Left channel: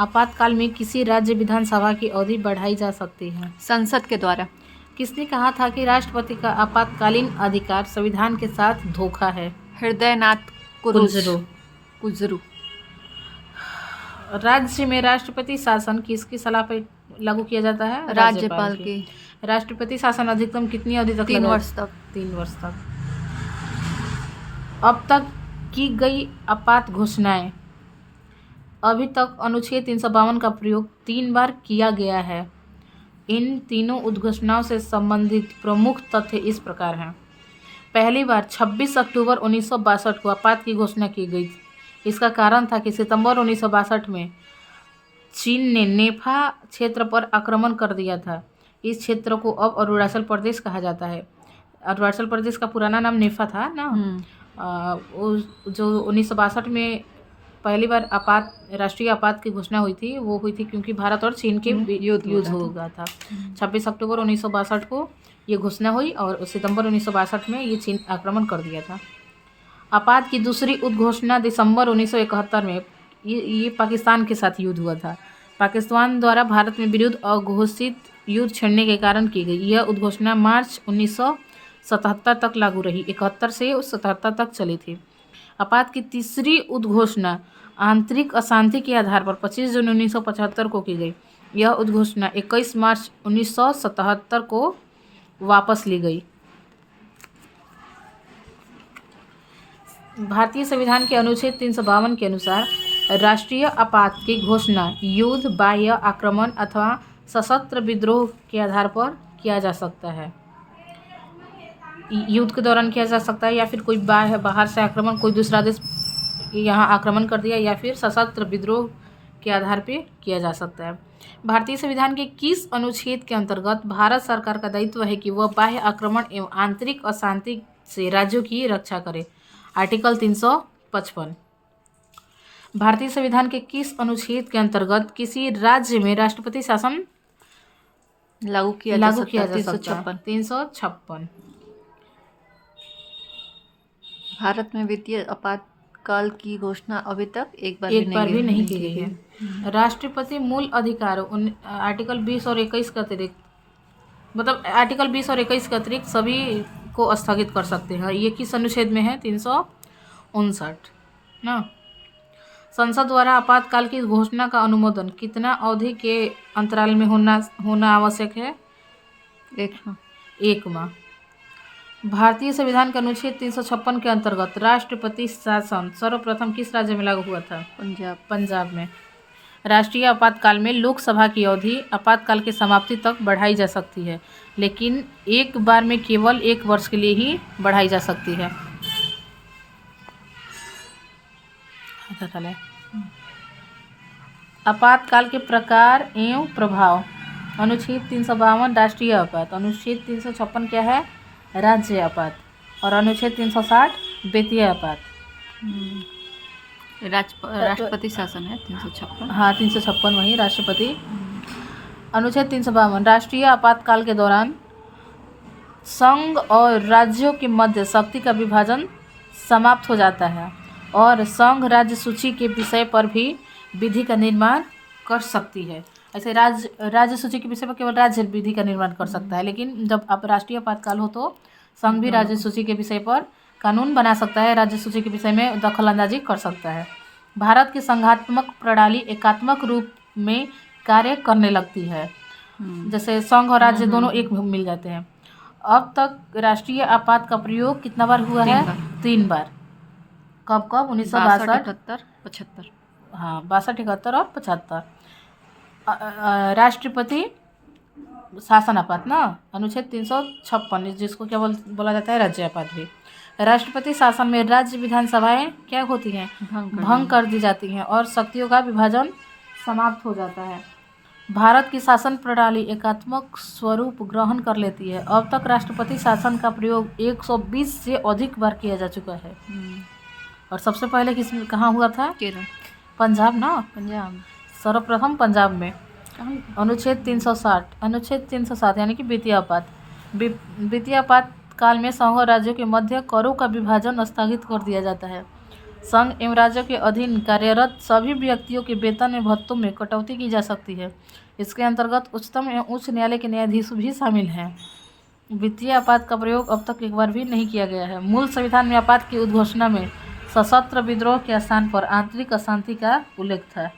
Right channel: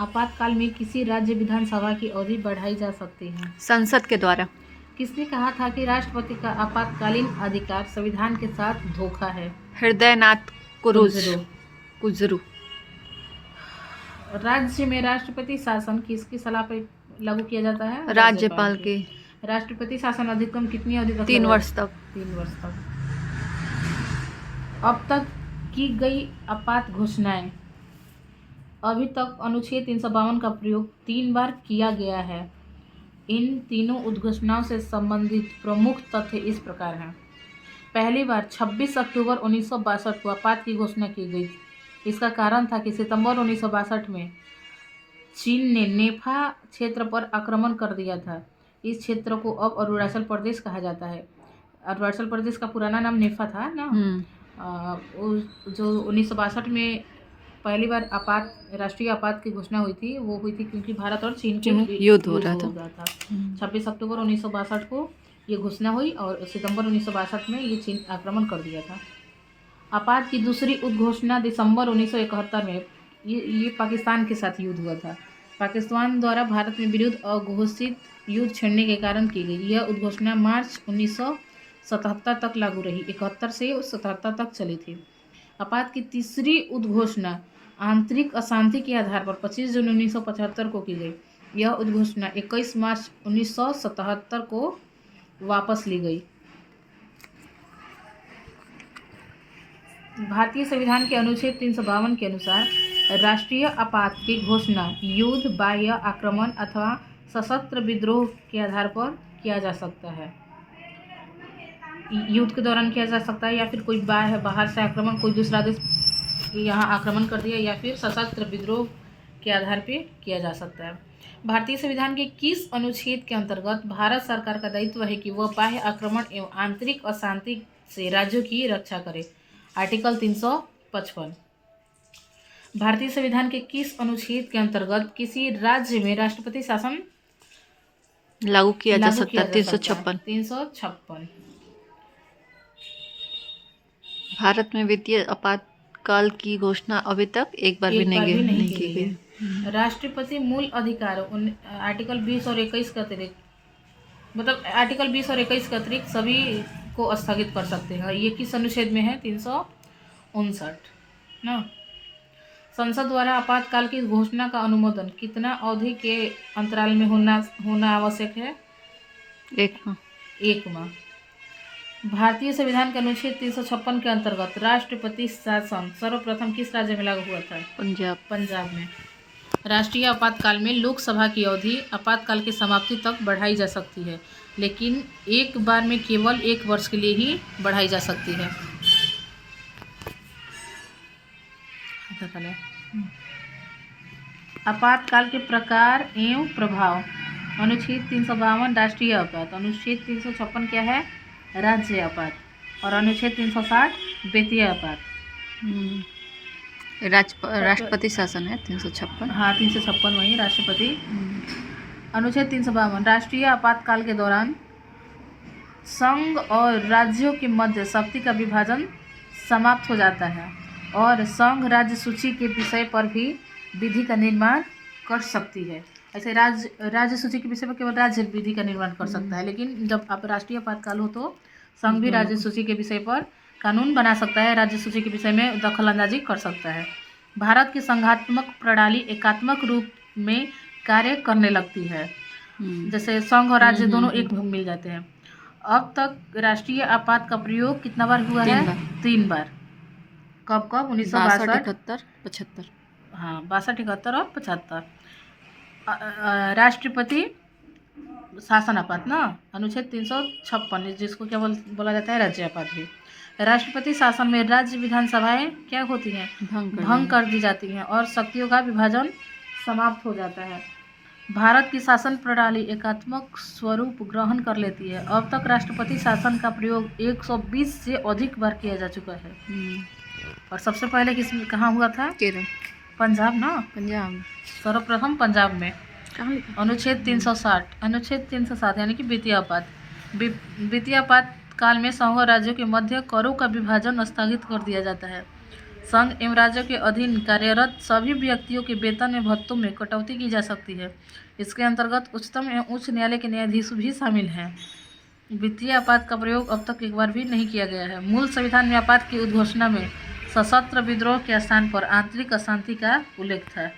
आपातकाल में किसी राज्य विधानसभा की अवधि बढ़ाई जा सकती है। संसद के द्वारा। किसने कहा था कि राष्ट्रपति का आपातकालीन अधिकार संविधान के साथ धोखा है? हृदयनाथ कुजरू। राज्य में राष्ट्रपति शासन किसकी सलाह पर लागू किया जाता है? राज्यपाल के। राष्ट्रपति शासन अधिकतम कितनी अवधि तक? 3 वर्ष तक। 3 वर्ष तक। अब तक की गई आपात घोषणाएं। अभी तक अनुच्छेद 352 का प्रयोग 3 बार किया गया है। इन तीनों उद्घोषणाओं से संबंधित प्रमुख तथ्य इस प्रकार हैं। पहली बार 26 अक्टूबर 1962 को आपात की घोषणा की गई थी। इसका कारण था कि सितंबर 1962 में चीन ने नेफा क्षेत्र पर आक्रमण कर दिया था। इस क्षेत्र को अब अरुणाचल प्रदेश कहा जाता है। अरुणाचल प्रदेश का पुराना नाम नेफा था ना। जो 1962 में पहली बार राष्ट्रीय आपात की घोषणा हुई थी, वो हुई थी क्योंकि भारत और चीन के युद्ध हो रहा था। 26 अक्टूबर 1962 को ये घोषणा हुई और सितंबर 1962 में ये चीन आक्रमण कर दिया था। आपात की दूसरी उद्घोषणा दिसंबर 1971 में ये पाकिस्तान के साथ युद्ध हुआ था। पाकिस्तान द्वारा भारत में विरुद्ध अघोषित युद्ध छेड़ने के कारण की गई। यह उद्घोषणा मार्च 1977 तक लागू रही। 71 से 77 तक चली थी। आपात की तीसरी उद्घोषणा आंतरिक अशांति के आधार पर 25 जून 1975 को की गई। यह उद्घोषणा 21 मार्च 1977 को वापस ली गई। भारतीय संविधान के अनुच्छेद 352 के अनुसार राष्ट्रीय आपात की घोषणा युद्ध, बाह्य आक्रमण अथवा सशस्त्र विद्रोह के आधार पर किया जा सकता है। युद्ध के दौरान किया जा सकता है, या फिर कोई बाहर से आक्रमण, कोई दूसरा देश यहाँ आक्रमण कर दिया, या फिर सशस्त्र विद्रोह के आधार पे किया जा सकता है। भारतीय संविधान के किस अनुच्छेद के अंतर्गत भारत सरकार का दायित्व है कि वह बाह्य आक्रमण एवं आंतरिक अशांति से राज्यों की रक्षा करे? आर्टिकल 355। भारतीय संविधान के किस अनुच्छेद के अंतर्गत किसी राज्य में राष्ट्रपति शासन लागू किया जा सकता है? 356। भारत में वित्तीय आपातकाल की घोषणा अभी तक एक बार भी नहीं की गई है। राष्ट्रपति मूल अधिकारों आर्टिकल 20 और 21 के अतिरिक्त, मतलब आर्टिकल 20 और 21 के अतिरिक्त सभी को स्थगित कर सकते हैं। ये किस अनुच्छेद में है? 359 ना। संसद द्वारा आपातकाल की घोषणा का अनुमोदन कितना अवधि के अंतराल में होना आवश्यक है? 1 माह। भारतीय संविधान के अनुच्छेद 356 के अंतर्गत राष्ट्रपति शासन सर्वप्रथम किस राज्य में लागू हुआ था? पंजाब में। राष्ट्रीय आपातकाल में लोकसभा की अवधि आपातकाल की समाप्ति तक बढ़ाई जा सकती है, लेकिन एक बार में केवल 1 वर्ष के लिए ही बढ़ाई जा सकती है। आपातकाल के प्रकार एवं प्रभाव। अनुच्छेद 352 राष्ट्रीय आपात। अनुच्छेद 356 क्या है? राज्य आपात। और अनुच्छेद 360 वित्तीय आपात। राष्ट्रपति शासन है 356। हाँ, 356 वही राष्ट्रपति। अनुच्छेद 352 राष्ट्रीय आपातकाल के दौरान संघ और राज्यों के मध्य शक्ति का विभाजन समाप्त हो जाता है और संघ राज्य सूची के विषय पर भी विधि का निर्माण कर सकती है। ऐसे राज्य सूची के विषय पर केवल राज्य विधि का निर्माण कर सकता है, लेकिन जब आप राष्ट्रीय आपातकाल हो तो संघ भी राज्य सूची के विषय पर कानून बना सकता है, राज्य सूची के विषय में दखल अंदाजी कर सकता है। भारत की संघात्मक प्रणाली एकात्मक रूप में कार्य करने लगती है, जैसे संघ और राज्य दोनों एक मिल जाते हैं। अब तक राष्ट्रीय आपात का प्रयोग कितना बार हुआ है? 3 बार। कब? 1962, 71, 75। हाँ, 62, 71 और 75। राष्ट्रपति शासन आपात ना, अनुच्छेद 356 जिसको क्या बोला जाता है? राज्य आपात भी। राष्ट्रपति शासन में राज्य विधानसभाएं क्या होती हैं? भंग कर दी जाती हैं और शक्तियों का विभाजन समाप्त हो जाता है। भारत की शासन प्रणाली एकात्मक स्वरूप ग्रहण कर लेती है। अब तक राष्ट्रपति शासन का प्रयोग 120 से अधिक बार किया जा चुका है। और सबसे पहले कहाँ हुआ था? केरल, पंजाब ना। पंजाब सर्वप्रथम पंजाब में। अनुच्छेद 360 अनुच्छेद 307 यानी कि वित्तीय आपात। वित्तीय आपात काल में संघ और राज्यों के मध्य करों का विभाजन स्थगित कर दिया जाता है। संघ एवं राज्यों के अधीन कार्यरत सभी व्यक्तियों के वेतन में भत्तों में कटौती की जा सकती है। इसके अंतर्गत उच्चतम एवं उच्च न्यायालय के न्यायाधीश भी शामिल हैं। वित्तीय आपात का प्रयोग अब तक एक बार भी नहीं किया गया है। मूल संविधान में आपात की उद्घोषणा में सशस्त्र विद्रोह के स्थान पर आंतरिक अशांति का उल्लेख था।